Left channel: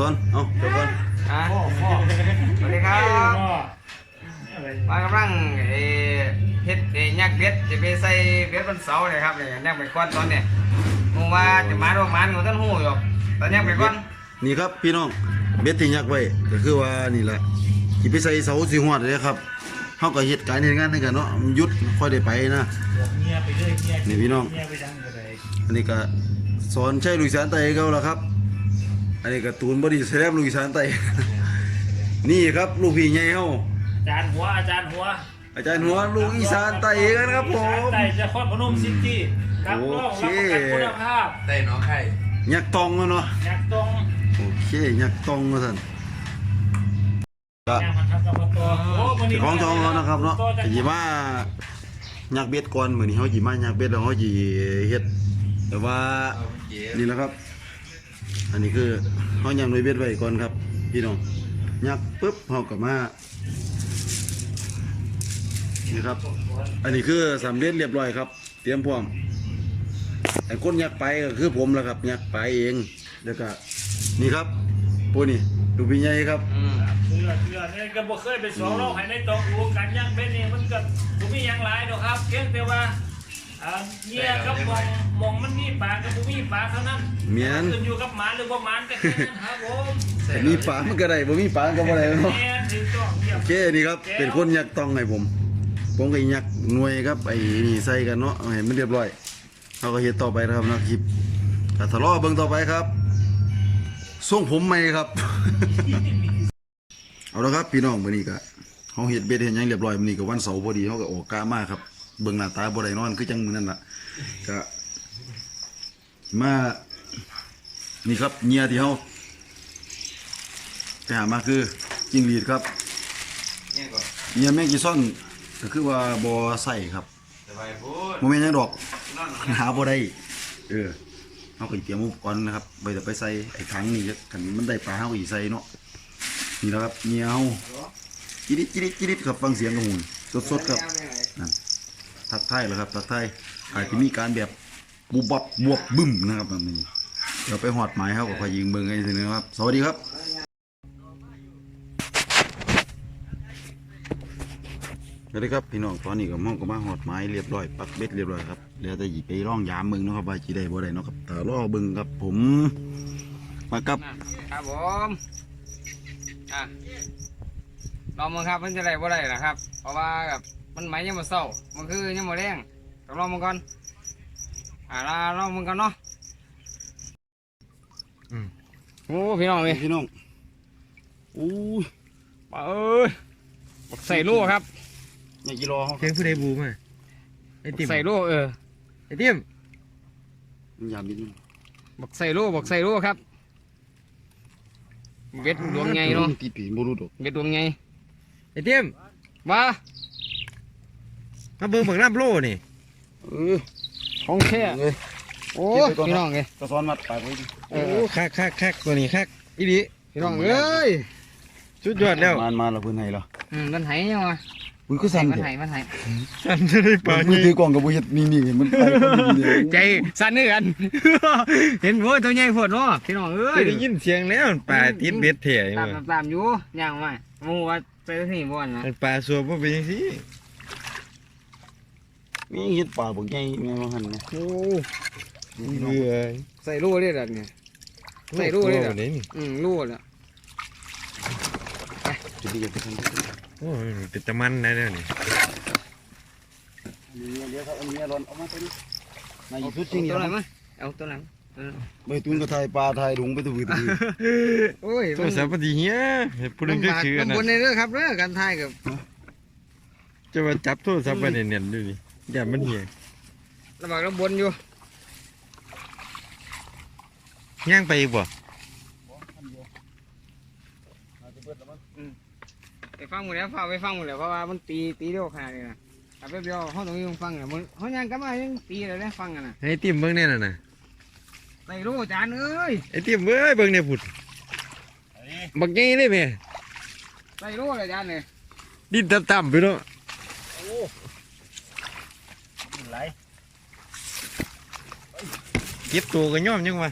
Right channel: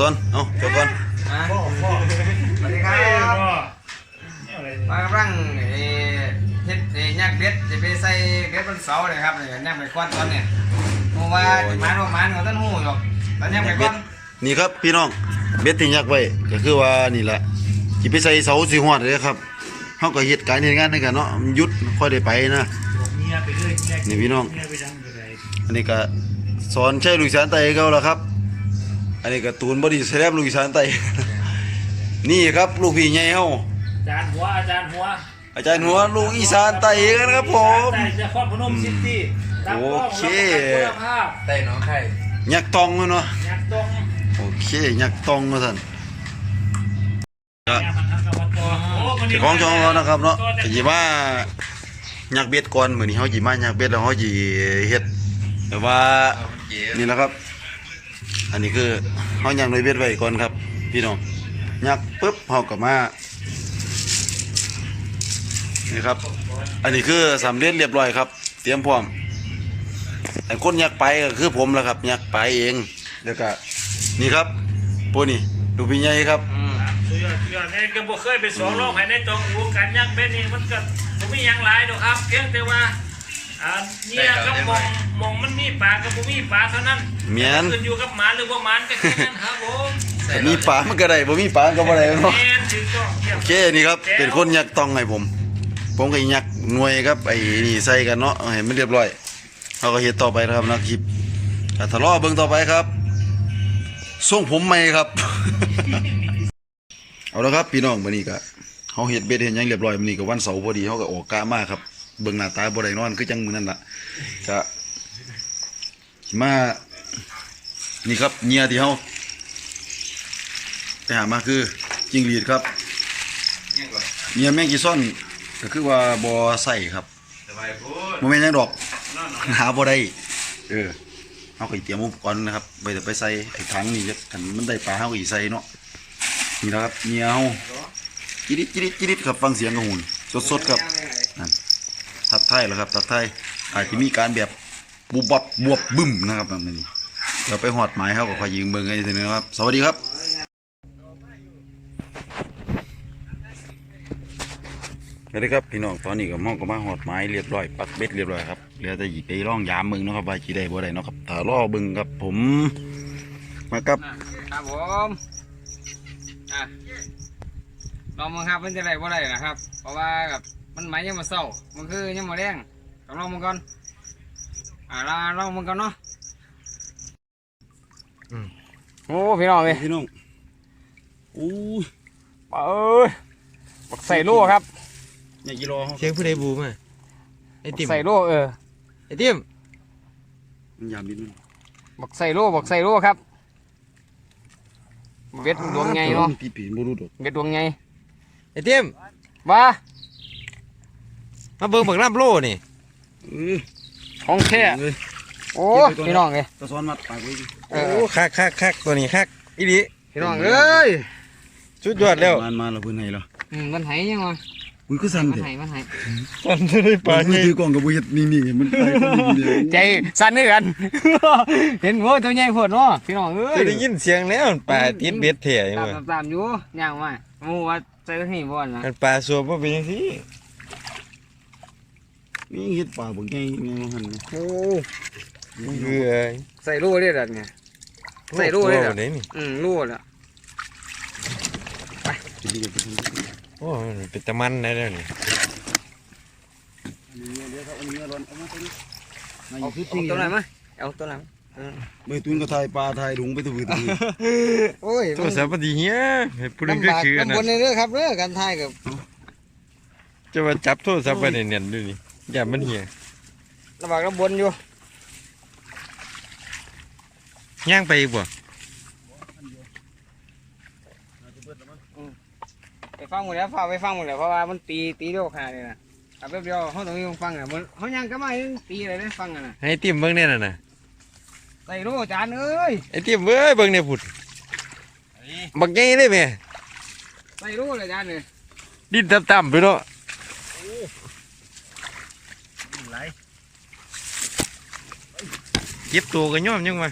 สอนเอาจบก่อนอะสวัสดีครับมากำลังเอ่อเฮ็ดเอ่อยักเบ็ดจะไปใส่เบ็ดบนเสาเลยครับเนี่ยยักไปก้อนตอนเนี่ยหมูว่าจะมาโรงมันของต้นหูอยู่ตอนยักไปก้อนนี่ครับพี่น้องเบ็ดที่ยักไว้ก็คือว่านี่แหละสิไปใส่เสาสิฮอดเลยครับเฮาก็เฮ็ดการเฮ็ดงานด้วยกันเนาะมันหยุดค่อยได้ไปนะนี่พี่น้อง อันนี้ก็สอนใช้ลูกอีสานไตเขาแล้วครับ อันนี้ก็ตูนบอดี้แสลมลูกอีสานไตนี่ครับลูกพี่ใหญ่เฮาอาจารย์หัวอาจารย์หัวอาจารย์หัวลูกอีสานไตกันครับผมแต่จะครอบพนมซิตี้รับรองโอเคคุณภาพใส่น้องไข่ยักษ์ตองเนาะอยากตรงโอเคยักษ์ตองว่าซั่นก็อยากหันทางตะวันตกโอ้วันนี้เจ้าของช่องเรานะครับเนาะก็สิมายักษ์เบ็ดก่อนมื้อนี้เฮาสิมายักษ์เบ็ดแล้วเฮาสิเฮ็ดแบบว่านี่แหละครับ อันนี้คือเฮายังหน่วยเบ็ดไว้ก่อนครับ พี่น้องยักปุ๊บเฮาก็มานี่ครับ อันนี้คือสำเร็จเรียบร้อยครับ เตรียมพร้อมแต่คนยักไปก็คือผมแหละครับ ยักไปเองแล้วก็นี่ครับพวกนี้ดูพี่ใหญ่ครับอืมสุดยอดสุดยอดนี่ก็บ่เคยไปสองโลกให้ในตองอูกันยักเบ็ดนี่มันก็บ่มีหยังหลายดอกครับ เพียงแต่ว่า อ่าเนี่ยครับมองมองมันมีปลากับบ่มีปลาเท่านั้นแม่นขึ้นอยู่กับหมาหรือบ่หมานก็แค่นั้นครับผมแต่มีปลามันก็ได้บ่มีปลาก็บ่ได้เนาะ แม่นถูกต้องเยี่ยม โอเคนี่ครับเป็นคนยักต้องให้ผม ผมก็ยักหน่วยครับไอ้นี่ใส่กันเนาะเอาให้มันเรียบร้อยเราก็เฮ็ดต่อไปนะครับนะคลิปก็ทะเลาะเบิ่งต่อไปครับส่งผมใหม่ครับ เอาละครับพี่น้องมื้อนี้ก็เฮาเฮ็ดเบ็ดเฮ็ดหยังเรียบร้อยมื้อนี้ก็วันเสาร์พอดีเฮาก็ออกกามาครับ เบิ่งหน้าตาบ่ได้นอนคือจังมือนั้นล่ะก็มานี่ครับเหยื่อที่เฮาไปหามาคือจิงหรีดครับเนี่ยก่อนเหยื่อแมงกีซ่อนก็คือว่าบ่ใส่ครับสบายพูดบ่แม่นหยังดอกหาบ่ได้เออเฮาก็เตรียมอุปกรณ์นะครับไปจะไปใส่ไอ้ถังนี่จะกันมันได้ปลาเฮาก็สิใส่เนาะนี่แหละครับเหยื่อเฮาจิริดจิริดจิริดครับฟังเสียงกระหูนสดๆครับ ทักทยแล้วครับทักทยอาจจะมีการแบบบุบบับบวบบึ้มนะครับแบบนี้เดี๋ยวไปหอดหมายเขาก็คอยยิงเบิงกันอีกทีนึงครับ สวัสดีครับสวัสดีครับพี่น้องตอนนี้ก็มองก็มาหอดไม้เรียบร้อยปักเบ็ดเรียบร้อยครับเหลือแต่หยิบไปร่องยามเบิ่งนะครับว่าจีได้บ่ได้นะครับถ้ารอบิ่งครับผมมากับครับผมอะลองมึงครับมันจะได้บ่ได้นะครับ เพราะว่ากับ มันไหมยังมาเศร้ามันคือยังมาแรงต้องลองมึงก่อนอ่าลาลองมึงก่อนเนาะโอ้พี่น้องเลยพี่น้องอู้ยเอ้ยบักใส่ลูกครับอย่ากี่รอเขาเสียงผู้ใดบูมาไอติมใส่ลูกเออไอติมมันยามนิดนึงบักใส่ลูกบักใส่ลูกครับเบ็ดดวงไงเนาะตีปีนบ่รู้ดอกเบ็ดดวงไงไอติมมา มาเบิ่งบักน้ำโลนี่เออของแค่เลยโอ้พี่น้องเลยตะซ้อนมัดปากไว้ดิเอโอ้อคักคักคักตัวนี้คักอีดีพี่น้องเอ้ยชุดยอดแล้วมานมาแล้วเพิ่นให้แล้วอืมมันไหยังวะอุ้ยก็สั่นมันเด้ไหมันไหฉันจะได้ปปาลามือนี่ถือกล่องกับบุยัดนิ่งๆมันไปคนเดียวใจสั่นนี่กันเห็นว่าตัวใหญ่พวดเนาะพี่น้องเอ้ยได้ยินเสียงแล้วมันปลาติดเบ็ดเถี่ยอยู่ตามเลยตามตามอยู่ย่างมาหมูว่าเจอนี่บ่อนนะมันปลาสัวบ่เป็นจังซี่ นี่เฮ็ดปลาบ่ใหญ่แม่นหั่นนะโอ้เบื่อใส่ลูกได้ดัดไงใส่ลูกเลยเหรอโอ้นี่อืมลูกละกินดีกันไปทำโอ้มันเป็นตะมันได้แล้วนี่เอาชุดเอาทิ้งตัวไหนนะมาเอาตัวไหนมาไปตุนก็ถ่ายปลาถ่ายถุงไปตุยตุยโอ้ยโทรศัพท์บ่ดีเฮียให้ผู้นึงก็คืออันลำนั้บากนลำบนในเรื่องครับเรื่องการถ่ายกับจะมาจับโทรศัพท์ไว้แน่นๆดูนี่ อย่ามันเหียลำบากลำบนอยู่ย่างไปอีกบ่ไปฟังหมดแล้วฟ้าไปฟังหมดแล้วเพราะว่ามันตีตีเดียวขาดเลยนะเอาแป๊บเดียวเขาต้องยังฟังอะมันเขายังก็มายังตีอะไรเนี่ยฟังอะนะให้ไอติมเบิ่งแน่น่ะน่ะใส่ลูกจานเอ้ยไอติมเว้ยเบิ่งเนี่ยพุ่นบักใหญ่เลยแม่ใส่ลูกเลยจานเลยดินต่ำๆไปเนาะ เก็บตัวกันย่อมยังวะ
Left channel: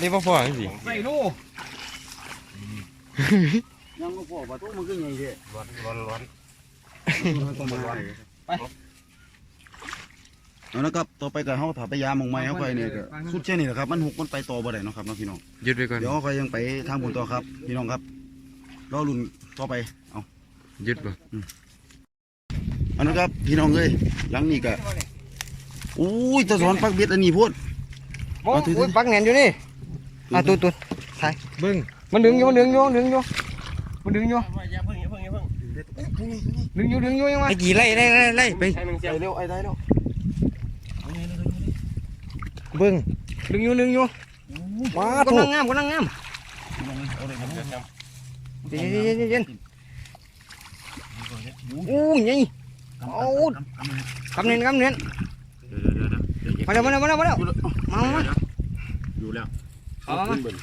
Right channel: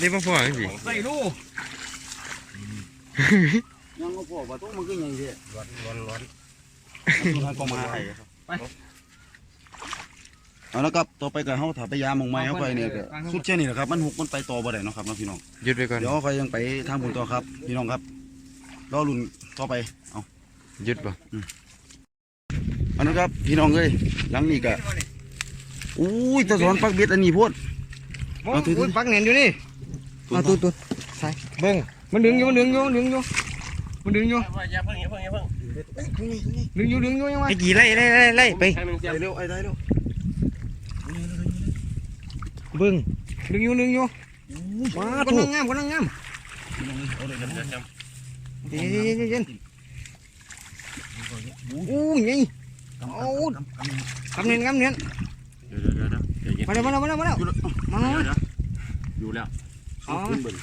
นี่พ่อพ่อจังสิใส่ลูกยังบ่พอว่าต้องมันคือใหญ่เด้ร้อนร้อนร้อนมันก็มาเอาละครับต่อไปก็เฮาถ้าไปยามหมองไม้เฮาค่อยเนี่ยก็สุดแค่นี้แหละครับมันหุกมันไปต่อบ่ได้เนาะครับเนาะพี่น้องหยุดไปก่อนเดี๋ยวค่อยยังไปทางบุญต่อครับพี่น้องครับรอรุ่นต่อไปเอาหยุดบ่อันนั้นครับพี่น้องเอ้ยหลังนี้ก็ อุ้ยตะสอนปักเบ็ดอันนี้โพดเอาถือถือปักแหนนอยู่นี่อะตัวตัวใส่เบิ้งมันดึงอยู่มันดึงอยู่ดึงอยู่มันดึงอยู่อย่าเพิ่งอย่าเพิ่งอย่าเพิ่งดึงอยู่ดึงอยู่ยังไงไอ้กี่ไล่ไล่ไล่ไล่ไปให้มันเสียไปเร็วไอ้ได้เร็วเบิ่งดึงอยู่ดึงอยู่มาก็ถูนั่กงงามก็นั่งงามพี่น้องเอ้ยเอาเลยครับเดี๋ยวจเย็นเย็นเย็นเย็นอู้ยยังกำเอากำกำกำกำเนินกำเนินำ เดี๋ยวเดี๋ยวเดี๋ยวเดี๋ยวเดี๋ยวมาแล้วมาแล้วมาแล้วมาแล้วอยู่แล้วมาแล้วมาแล้วอยู่แล้วอ๋อขึ้นเบิ่ง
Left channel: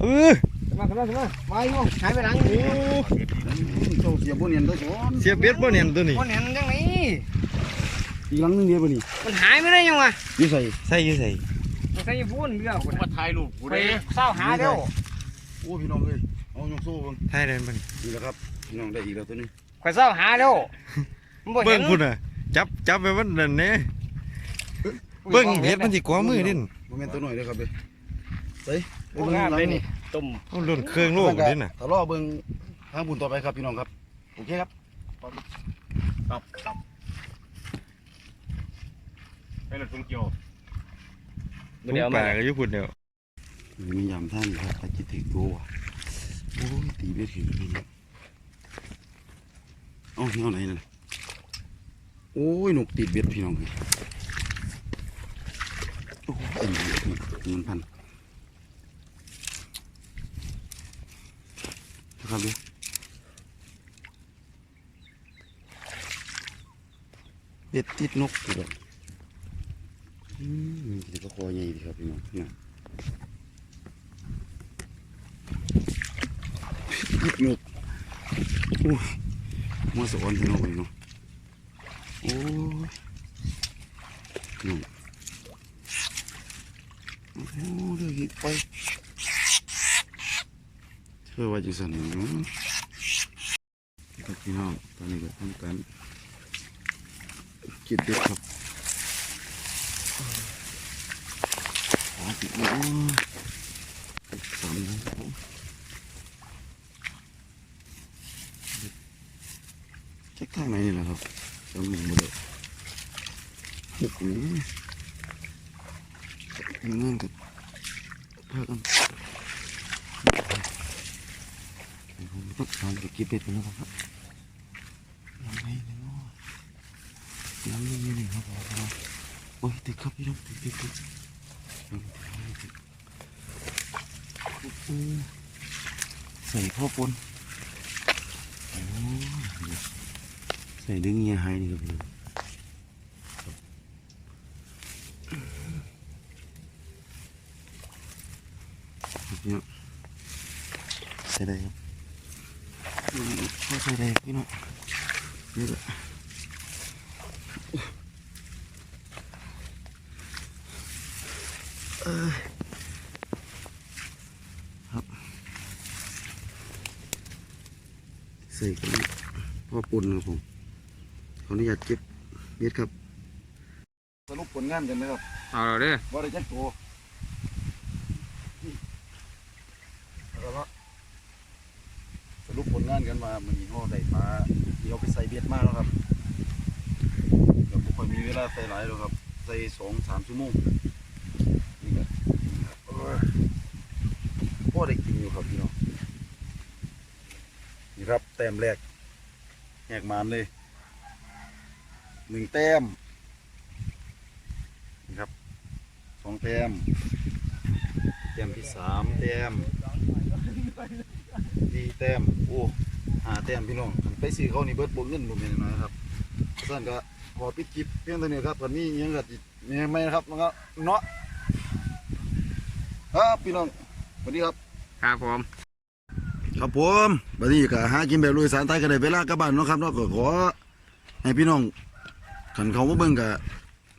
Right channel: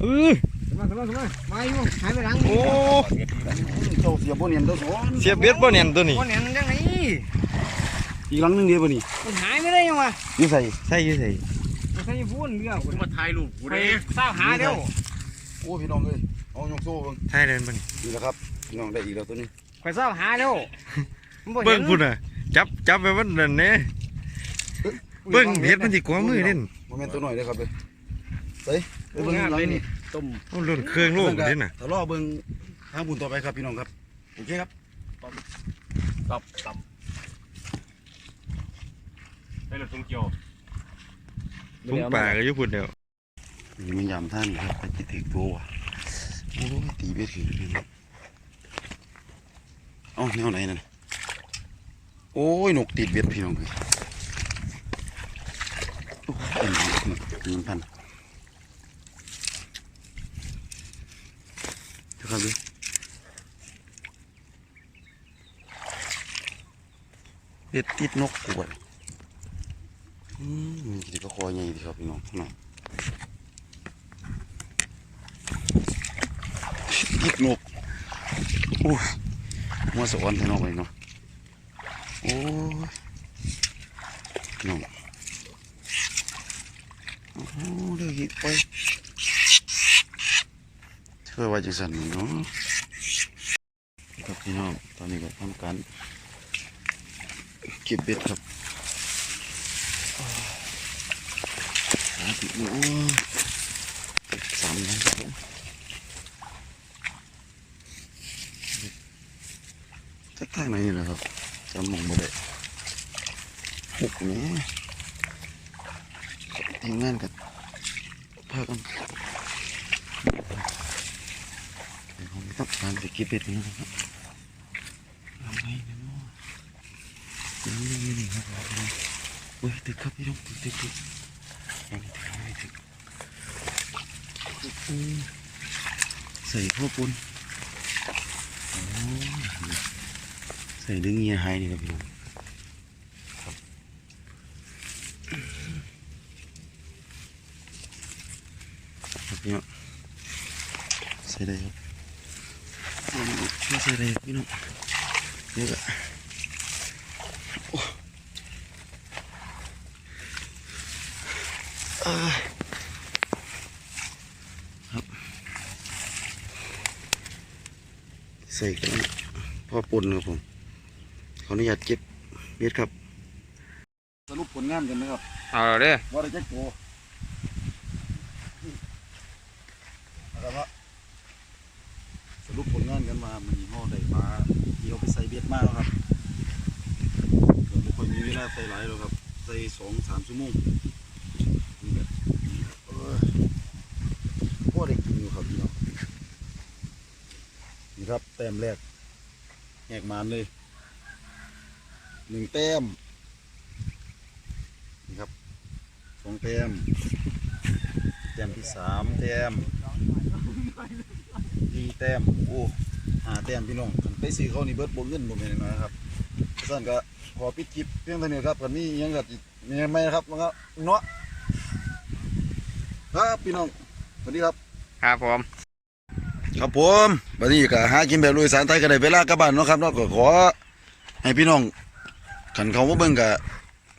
เออมาขึ้นมาขึ้นมามาอยู่หายไปหลังโอ้เจ้าเสียบ่เนียนตะสอนเสียเบ็ดบ่เนี่ยตัวนี้ก้อนแหนนจังไหนอีกหลังหนึงเดียวบ่นี่มันหายไปได้ยังวะอยู่ใส่ใส่อยู่ใส่มันใส่พูนเรื่องผมมาถ่ายรูปกูไปได้เศร้าหาเดียวโอ้พี่น้องเอ้ยเอายกโซ่เบิ่งถ่ายเดินบ่นี่นี่แหละครับพี่น้องได้อีกแล้วตัวนี้ไปเศร้าหาเดียวเบิ่งพุ่นน่ะจับจับไปมันนั่นแหน่ เบิ่งเฮ็ดมันสิกว่ามือเด่นบ่แม่นตัวน้อยเด้อครับเด้อไปไปเบิ่งหลังนี่ต้มเอาหล่นเครื่องโลกเด่นน่ะถ้ารอเบิ่งทางบุญต่อไปครับพี่น้องครับโอเคครับตับตับไปรถทุ่งเกี่ยวถุงปลาก็อยู่พุ่นเดียวนี่มันยามท่านครับไปจิตถึกตัวว่ะโอ้ตีเบ็ดถึงนี่นะเอ้าแนวไหนนั่นโอ้ยนกติดเบ็ดพี่น้องเลย โอ้ยอันนี้นี่เงินพันเจ้าครับด้อเบ็ดติดนกกวนอืมมันจะก็คอยใหญ่ดีครับพี่น้องน้องยิบนกโอ้ยมัวสวรรค์พี่น้องไปเนาะโอ้ยน้องโอ้โหเดี๋ยวยิบไป เชื่อว่าจะสั่นเนาะครับพี่น้องตอนนี้ก็ทำการเก็บเบ็ดครับหาติดมือโอ้ยสามนั้นครับผมจักทางไหนนี่แหละครับจำมองบ่ได้หุกแหม่ทีมงานกับพากันเดี๋ยวผม ต้องการไปเก็บเป็ดกันนะครับทำไงนะเนาะน้ำไม่มีนี่ครับผมโอ้ยตึกครับพี่น้องตึกตึกตึกยังไม่ถึงยังไม่ถึงโอ้ใส่พ่อปนโอ้ใส่ดึงเงียหายนี่ครับพี่น้องครับพี่น้องใส่ได้ครับ ช่วยใส่ได้พี่น้องเดี๋ยวก็โอ้อ่าครับใส่กันพ่อปุ่นครับผมขออนุญาตเก็บเม็ดครับ สรุปผลงานกันนะครับ เอาเด้อว่าได้แจ็คตัวก็สรุปผลงานกันมามันนี้เขาได้ปลาที่เขาไปใส่เบ็ดมาแล้วครับก็าใส่หลายหรอกครับใส่สองสามชั่วโมงนี่ก็โอ้ยพอได้กินอยู่ครับพี่น้องนี่ครับแต้มแรกแหกมานเลยหนึ่งแต้มนี่ครับสองแต้มแต้มที่สามแต้มสี่แต้มโอ้หาแต้มพี่น้องไปซื้อเขานี่เบิดบวกเงินบ่แม่นน้อยครับสั่นก็ อปิดคลิปเพียงเท่านี้ครับกันนี้ยังกัอีกยังไม่นะครับแล้วก็เนาะครับพี่น้องสวัสดีครับครับผมครับผมบัดนี้ก็หากินแบบลุยสารไทยก็ได้เวลากลับบ้านเนาะครับเนาะก็ขอให้พี่น้องขันเขามาเบิ่งก็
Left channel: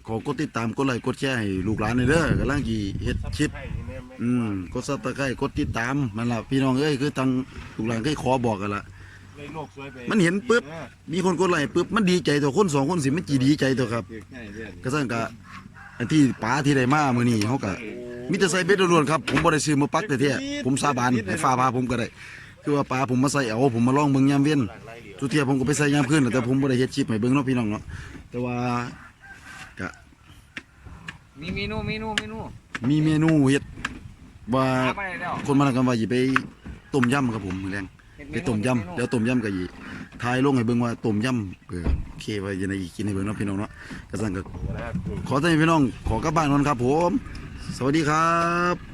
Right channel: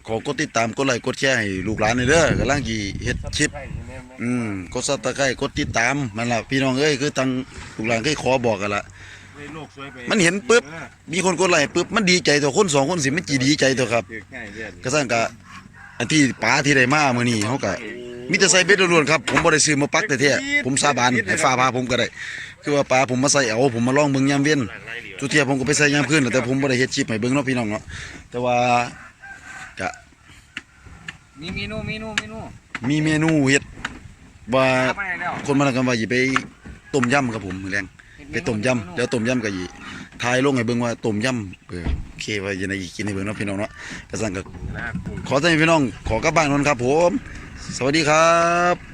ขอกดติดตามกดไลค์กดแชร์ให้ลูกหลานหน่อยเด้อกำลังจีเฮ็ดคลิปใช่ไม่ไม่อืมกดซับตะไคร้กดติดตามมันล่ะพี่น้องเอ้ยคือตังลูกหลานเคยขอบอกกันละ เลยโลกสวยไปมันเห็นปุ๊บมีคนกดไลค์ปุ๊บมันดีใจตัวคนสองคนสิมันจีดีใจตัวครับถือง่ายเรื่อยก็สั่งกะอันที่ป๋าที่ได้มามื้อนี้เฮาก็มีแต่ใส่เบ็ดล้วนๆครับผมบ่ได้ซื้อมาปักแต่แท้ๆผมสาบานให้ฟ้าพาผมก็ได้ คือว่าป๋าผมมาใส่เอาผมมาลองเบิ่งยามเว้นทุกเที่ยผมก็ไปใส่ยามคืนแต่ผมบ่ได้เฮ็ดคลิปให้เบิ่งเนาะพี่น้องเนาะแต่ว่าก็มีเมนูเมนูเมนูมีเมนูเฮ็ดว่าหาไปแล้วคนมาแล้วกันว่าสิไปต้มยำครับผมมื้อแรง ไปต้มยำเดี๋ยวต้มยำก็อีทายลงให้เบิ่งว่าต้มยำเออโอเคไว้จะไงกินให้เบิ่งเนาะพี่น้องเนาะกระสังก็ๆนะกุ้งขอต้อนพี่น้องขอกลับบ้านนนครับ ผม สวัสดีครับ